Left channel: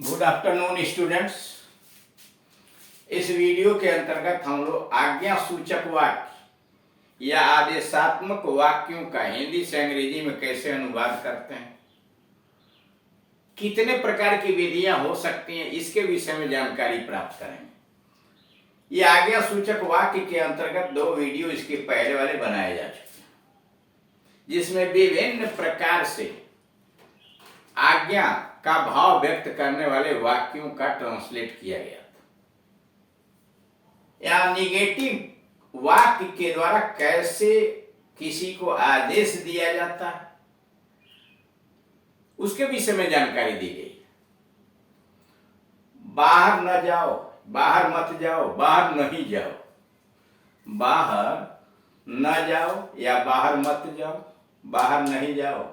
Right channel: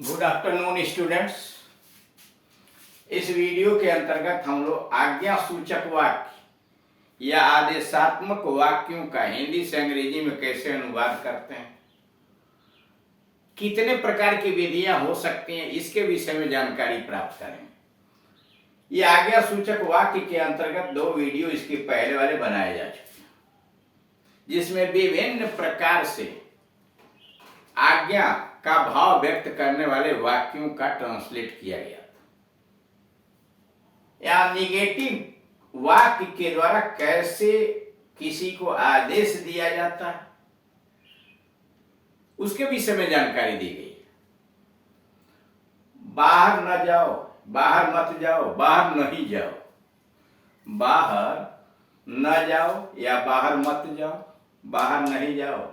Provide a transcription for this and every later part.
Good afternoon students. इस video के अंतर्गत हम लोग आज्ञा सूचक वाक्य या आदेशात्मक वाक्यों का हिंदी से अंग्रेजी में कैसे अनुवाद करते हैं, कितने प्रकार की विधियां हो सकती हैं, इसके विषय में जानकारी प्राप्त करेंगे। ये आज्ञा सूचक वाक्य के अंतर्गत 2 वीडियो इसके पहले वाले बनाए जा चुके हैं, जिसमें विभिन्न प्रकार से आज्ञा का भाव व्यक्त करने वाले वाक्यों का ट्रांसलेट किया गया था। या निगेटिव वाक्य के द्वारा कैसे किसी को आदेश दिया जाता है, उसके विषय में जानकारी दी गई। बाहर न जाओ, बाहर मत जाओ, बाहर नहीं जाओ। बाहर न जाओ या बाहर मत जाओ, बाहर नहीं जाओ।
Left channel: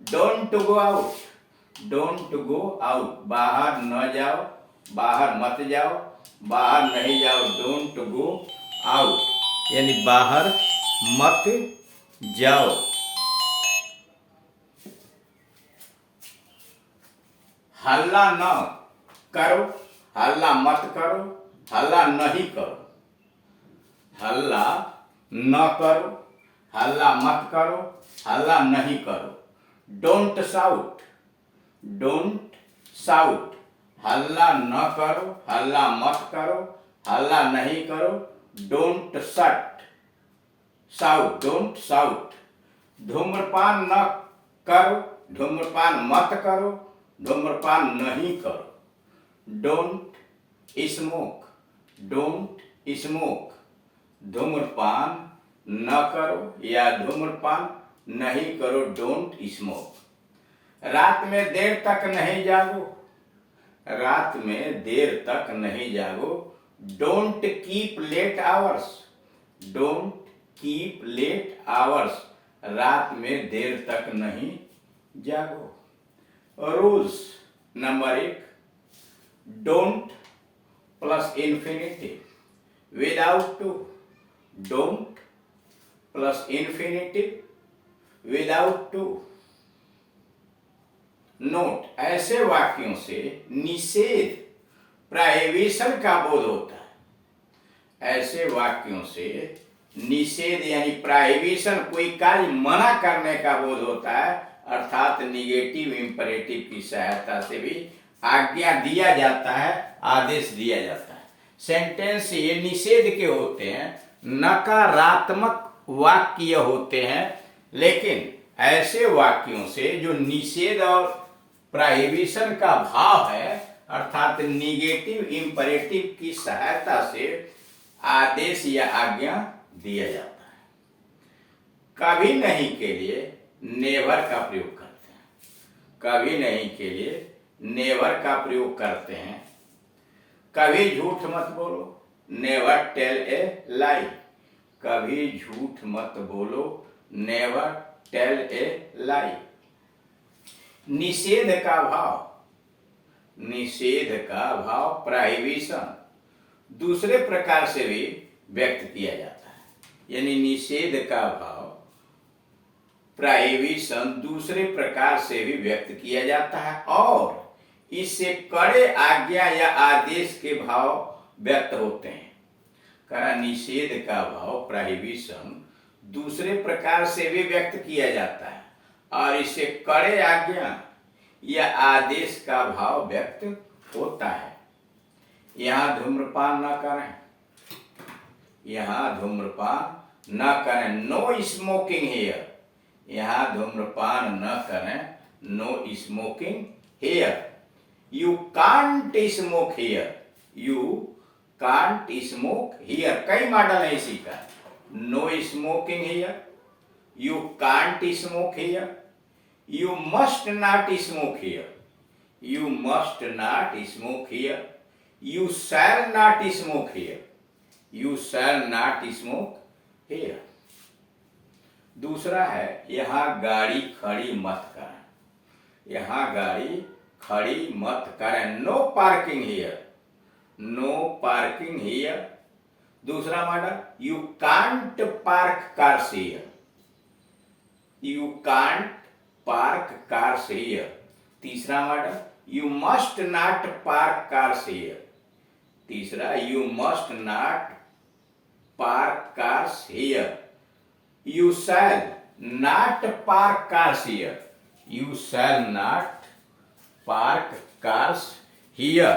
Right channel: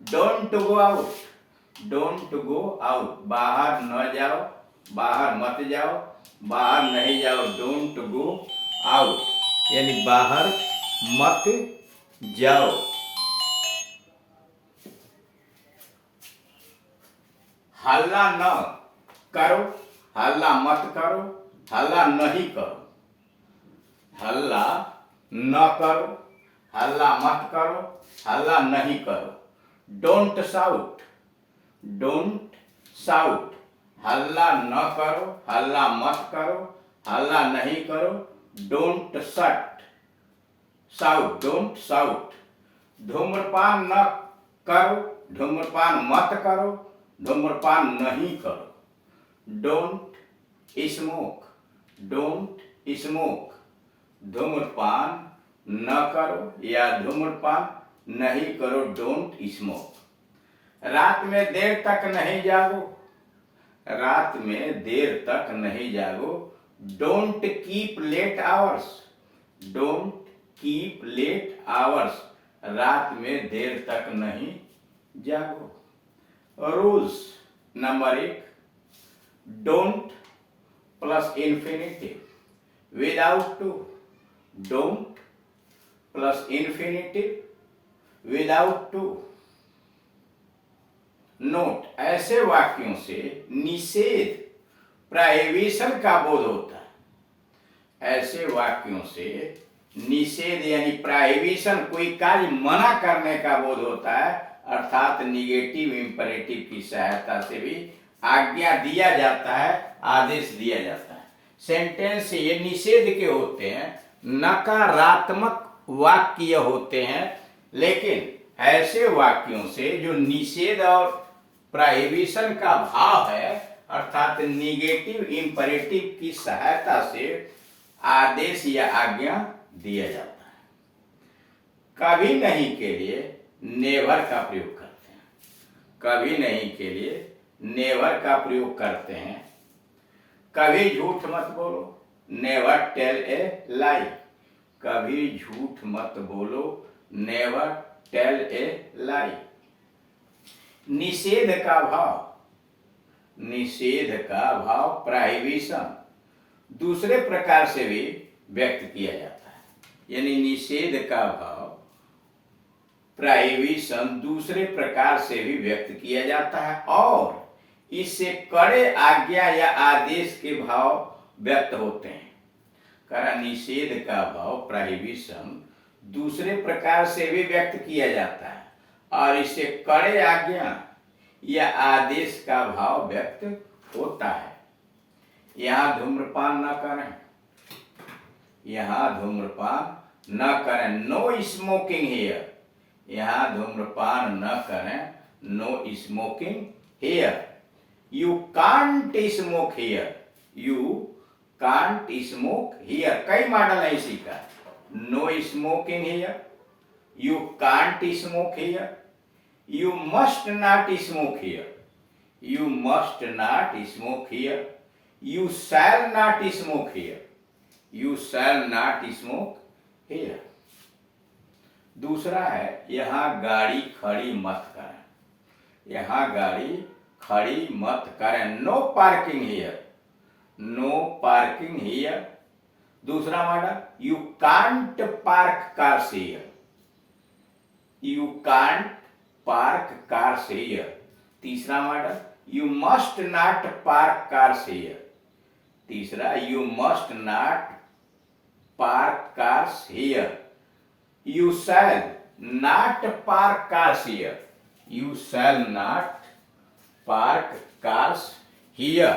Don't go out, don't go out. बाहर न जाओ, बाहर मत जाओ, बाहर नहीं जाओ। डोंट गो आउट यानी बाहर मत जाओ। हल्ला न करो, हल्ला मत करो, हल्ला नहीं करो। हल्ला न करो, हल्ला मत करो, हल्ला नहीं करो। Don't shout, don't shout. हल्ला न करो, हल्ला मत करो, हल्ला नहीं करो। Don't shut shout, don't shout. धूम्रपान न करो, धूम्रपान मत करो, धूम्रपान नहीं करो। Don't smoke, don't smoke. धूम्रपान न करो या धूम्रपान नहीं करो। Don't smoke. रात में देर तक नहीं जागो, रात में देर तक नहीं जागो। Don't keep late hours, don't keep late hours. रात में देर तक नहीं जागो। Rules number 1, don't plus infinitive without to. Don't plus infinitive without to. Note, ऐसे वाक्यों से निषेध प्रोहिबिशन का बोध होता है। ऐसे वाक्यों से निषेध यानी प्रोहिबिशन, कोई कार्य मना करने का बोध होता है। अर्थात निगेटिव इंपरेटिव की सहायता से भी आज्ञा दिया जाता है, आदेश दिया जाता है। सेंटेंस ये निषेध के होते हैं, नकारात्मक वाक्य होते हैं। लेकिन ऐसे वाक्यों से जो निषेध और प्रोहिबिशन का भाव है, अर्थात निगेटिव इंपरेटिव की सहायता से आदेश या आज्ञा दिया जाता है। कभी नहीं के लिए नेवर का प्रयोग करते हैं। कभी नहीं के लिए नेवर का प्रयोग करते हैं। कभी झूठ मत बोलो, नेवर टेल ए लाई। कभी झूठ मत बोलो, नेवर टेल ए लाई। निषेध का भाव, निषेध का भाव प्रोहिबिशन दूसरे प्रकार से भी व्यक्त किया जाता है। यानी निषेध का भाव प्रोहिबिशन दूसरे प्रकार से भी व्यक्त किया जाता है और इससे कड़े आज्ञा या आदेश के भाव व्यक्त होते हैं। कारण निषेध का भाव प्रोहिबिशन दूसरे प्रकार से भी व्यक्त किया जाता है और इससे कड़े आज्ञा या आदेश का भाव व्यक्त होता है। यहाँ धूम्रपान न करें, यहाँ धूम्रपान न करें। No smoking here. यहाँ धूम्रपान न करें, no smoking here. You can't smoke here, you can't smoke here. कई मॉडल है इसी का। No smoking here, you can't smoke here. You must not smoke here, you must not smoke here. You shall not smoke here, you shall not smoke here. दूसरा है, यहाँ गाड़ी खड़ी मत करें। यहाँ गाड़ी खड़ी मत करें। No parking here, no parking here. दूसरा model, you can't park cars here, you can't park cars here. तीसरा model, you must not park cars here. तीसरा, you must not park cars here. You shall not park cars here. You shall not park cars here.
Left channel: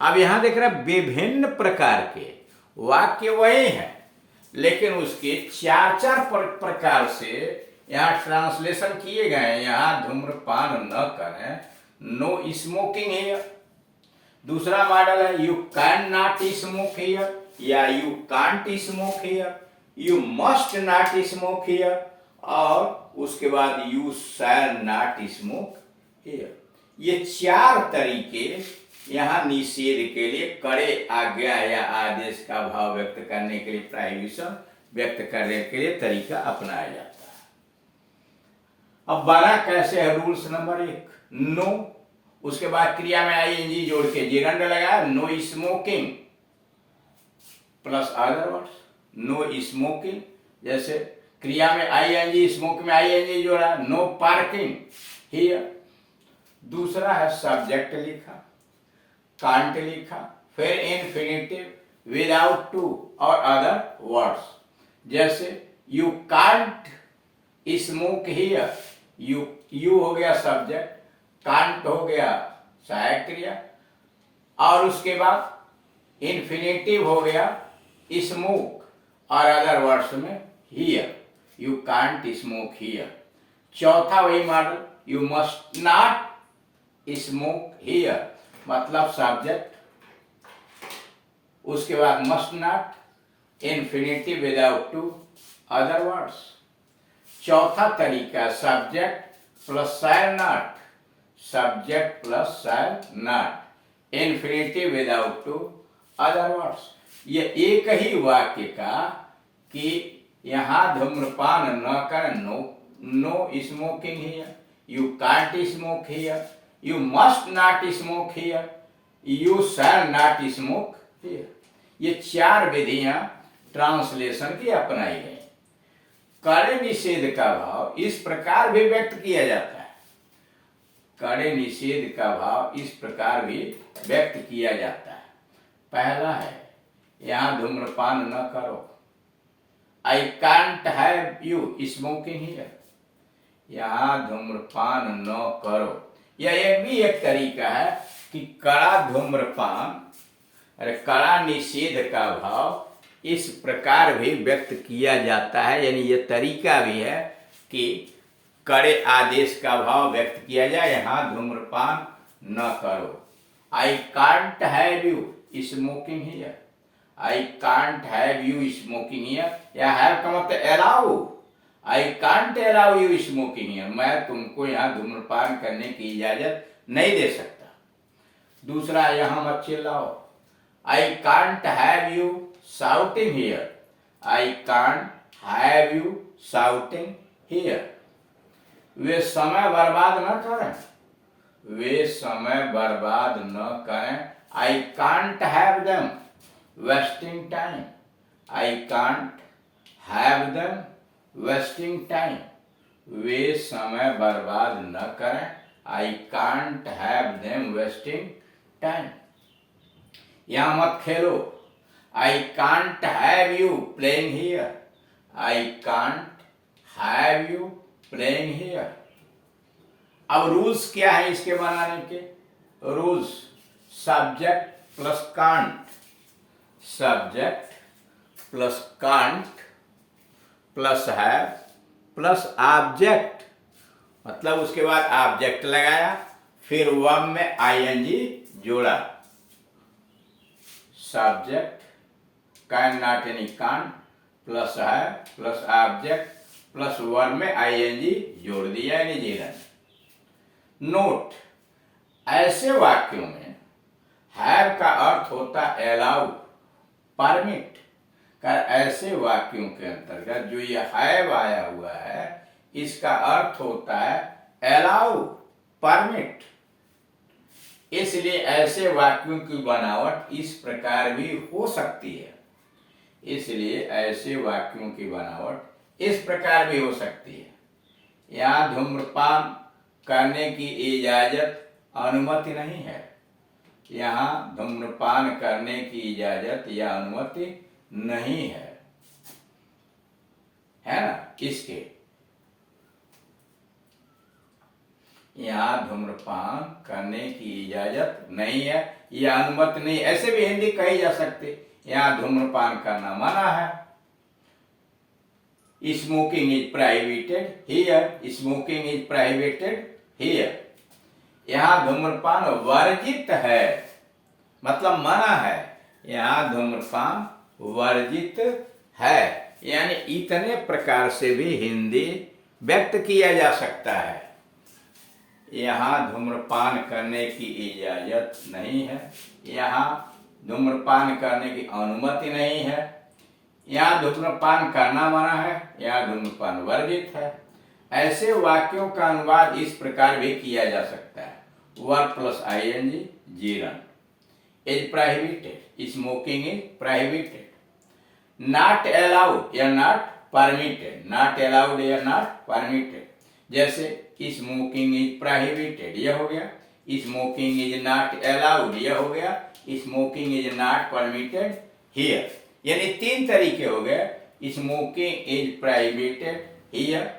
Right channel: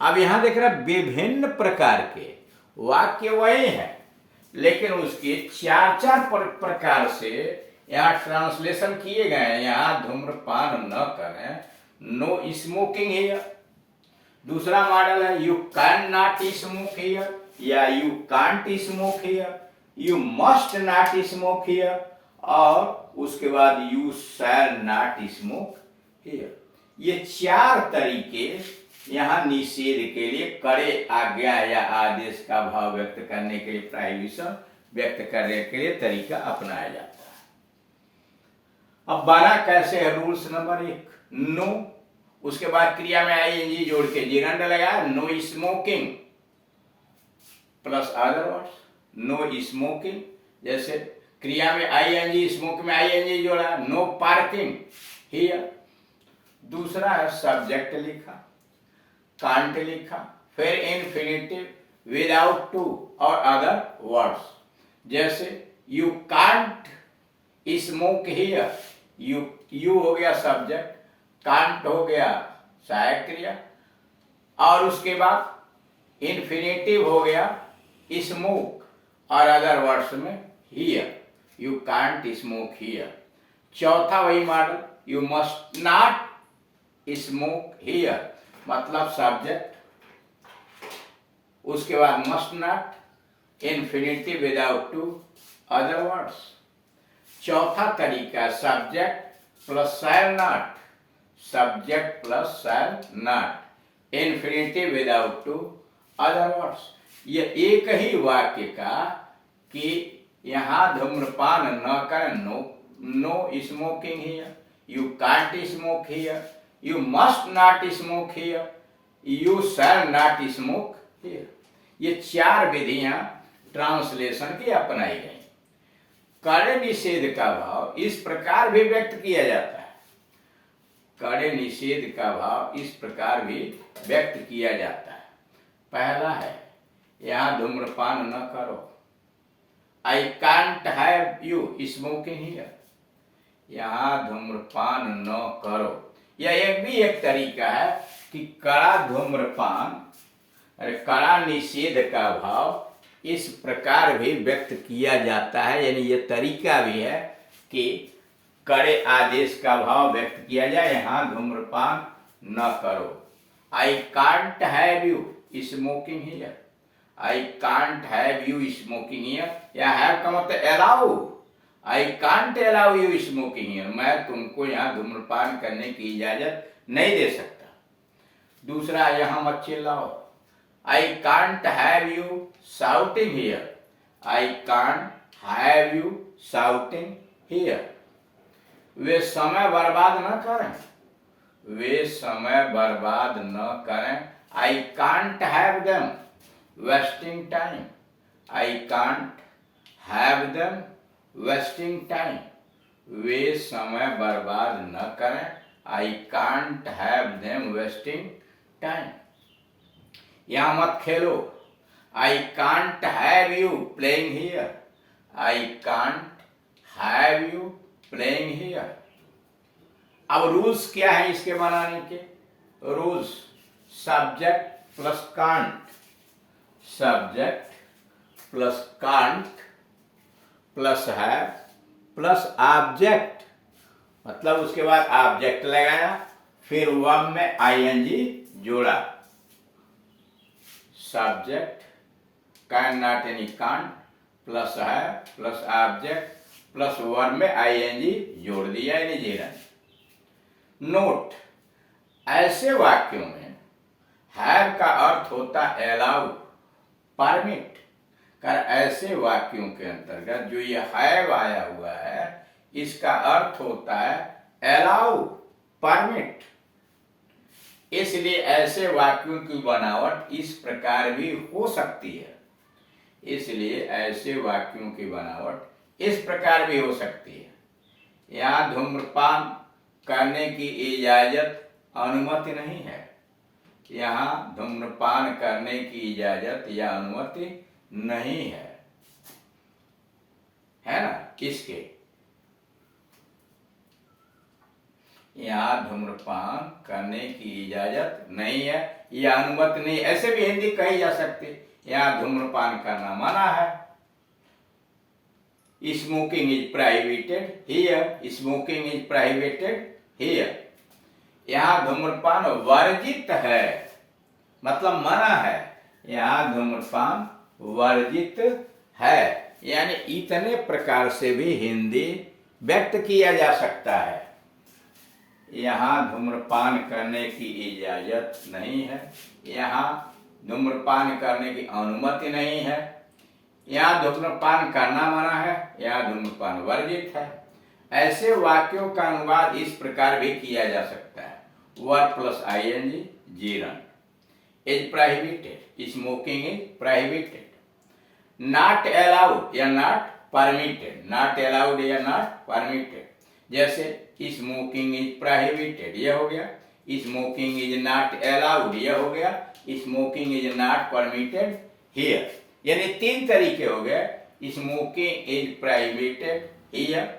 अब यहां देख रहे विभिन्न प्रकार के वाक्य वही है, लेकिन उसके चार चार प्रकार से यहाँ ट्रांसलेशन किए गए हैं। यहाँ धूम्रपान न करें, नो स्मोकिंग हियर। दूसरा मॉडल है you can not smoke here या you can't smoke here, you must not smoke here, और उसके बाद you shall not smoke here. ये चार तरीके यहाँ निषेध के लिए, कड़े आज्ञा या आदेश का भाव व्यक्त करने के लिए, प्रोहिबिशन व्यक्त करने के लिए तरीका अपनाया जाता है। अब बना कैसे है? रूल्स नंबर 1, नो, उसके बाद क्रिया में आईएनजी जोड़ के जिरंड लगाया, no smoking plus other words, no smoking. जैसे क्रिया में आईएनजी, स्मोक में आईएनजी जोड़ा, नो पार्किंग हियर। दूसरा है सब्जेक्ट लिखा, कांट लिखा, फिर इन्फिनिटिव विदाउट टू और अदर वर्ड्स। जैसे you can't smoke here, you हो गया सब्जेक्ट, कांट हो गया सहायक क्रिया, और उसके बाद इन्फिनिटिव हो गया स्मोक, और अदर वर्ड्स में here, you can't smoke here. चौथा वही model, you must not smoke here, मतलब सब्जेक्ट, उसके बाद must not, infinitive without to, other words. चौथा तरीका subject plus shall not, subject plus shall not, infinitive without to, other words. ये एक ही वाक्य का कि यहाँ धूम्रपान न करें, no smoking here, you can't smoke here, you must not smoke here, you shall not smoke here. ये चार विधियां ट्रांसलेशन की अपनाई गई। कड़े निषेध का भाव इस प्रकार भी व्यक्त किया जाता है, कड़े निषेध का भाव इस प्रकार भी व्यक्त किया जाता है। पहला है यहाँ धूम्रपान न करो, आई can't have you smoking here, यहाँ धूम्रपान न करो। यह एक तरीका है कि कड़ा धूम्रपान, कड़ा निषेध का भाव इस प्रकार भी व्यक्त किया जाता है, यानी यह तरीका भी है कि कड़े आदेश का भाव व्यक्त किया जाए। यहाँ धूम्रपान न करो, आई can't have you smoking here, I can't have you smoking here, या हैव का मतलब allow, I can't allow you smoking here, मैं तुमको यहाँ धूम्रपान करने की इजाजत नहीं दे सकता। दूसरा, यहाँ मत चिल्लाओ, I can't have you shouting here, I can't have you shouting here. वे समय बर्बाद न करें, वे समय बर्बाद न करें, I can't have them wasting time, I can't have them wasting time, वे समय बर्बाद न करें, I can't have them wasting time. यहाँ मत खेलो, I can't have you playing here, I can't have you playing here. अब रूल्स क्या है इसके बनाने के? Rules subject plus can't, subject plus can't plus है प्लस ऑब्जेक्ट, मतलब उसके बाद ऑब्जेक्ट लगाया, फिर वर्ब में आईएनजी जोड़ा, सब्जेक्ट कैन नॉट यानी कांट प्लस है प्लस ऑब्जेक्ट प्लस वर्ब में आईएनजी जोड़ दिया यानी जीरा। नोट, ऐसे वाक्यों में हैव का अर्थ होता है अलाउ, परमिट। कर ऐसे वाक्यों के अंतर्गत जो ये हैव आया हुआ है इसका अर्थ होता है अलाउ, परमिट। इसलिए ऐसे वाक्यों की बनावट इस प्रकार भी हो सकती है, इसलिए ऐसे वाक्यों की बनावट इस प्रकार भी हो सकती है। यहाँ धूम्रपान करने की इजाजत अनुमति नहीं है। यहाँ धूम्रपान करने की इजाजत या अनुमति नहीं है ना। किसके? यहाँ धूम्रपान करने की इजाजत नहीं है या अनुमति नहीं। ऐसे भी हिंदी कही जा सकती, यहाँ धूम्रपान करना मना है। Smoking is prohibited here, smoking is prohibited here. यहाँ धूम्रपान वर्जित है, मतलब मना है। यहाँ धूम्रपान वर्जित है। यानी इतने प्रकार से भी हिंदी व्यक्त किया जा सकता है। यहाँ धूम्रपान करने की इजाजत नहीं है, यहाँ धूम्रपान करने की अनुमति नहीं है, यहाँ धूम्रपान करना मना है, यहाँ धूम्रपान वर्जित है। ऐसे वाक्यों का अनुवाद इस प्रकार भी किया जा सकता है। Verb plus ing Jiran is prohibited, smoking is prohibited. Not allowed या नॉट परमिटेड, नॉट अलाउड या नॉट परमिटेड। जैसे स्मोकिंग इज प्रोहिबिटेड यह हो गया, स्मोकिंग इज नॉट अलाउड यह हो गया, smoking is not permitted here. यानी तीन तरीके हो गए। Smoking is prohibited here,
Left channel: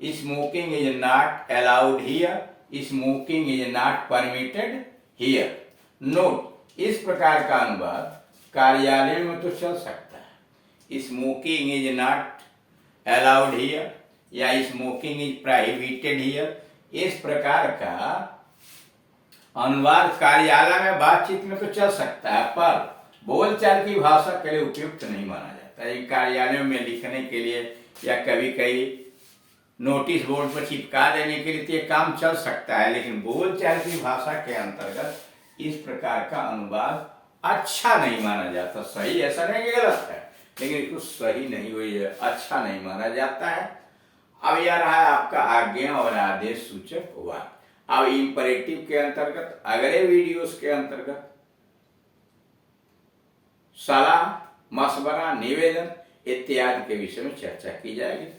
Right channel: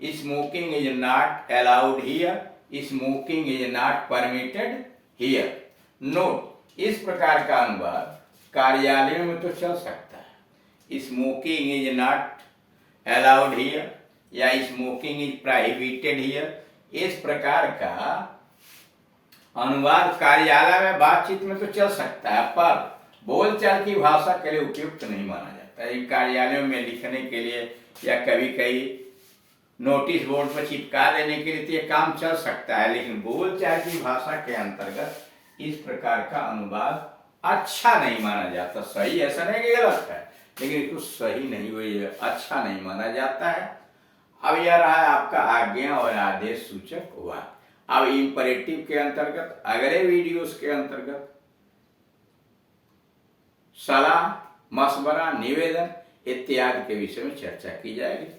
smoking is not allowed here, smoking is not permitted here. Note, इस प्रकार का अनुवाद कार्यालयों में तो चल सकता है। Smoking is not allowed here या स्मोकिंग इज प्रोहिबिटेड हियर, इस प्रकार का अनुवाद कार्यालय में बातचीत में तो चल सकता है, पर बोलचाल की भाषा के लिए उपयुक्त नहीं माना जाता है। कार्यालयों में लिखने के लिए या कभी कभी नोटिस बोर्ड पर चिपका देने के लिए तो ये काम चल सकता है, लेकिन बोलचाल की भाषा के अंतर्गत इस प्रकार का अनुवाद अच्छा नहीं माना जाता। सही ऐसा नहीं कि गलत है, लेकिन इसको सही नहीं हुई है, अच्छा नहीं माना जाता है। अब यह रहा है आपका आज्ञा और आदेश सूचक वाक्य। अब इंपरेटिव के अंतर्गत अगले वीडियोस के अंतर्गत सलाह, मशवरा, निवेदन इत्यादि के विषय में चर्चा की जाएगी।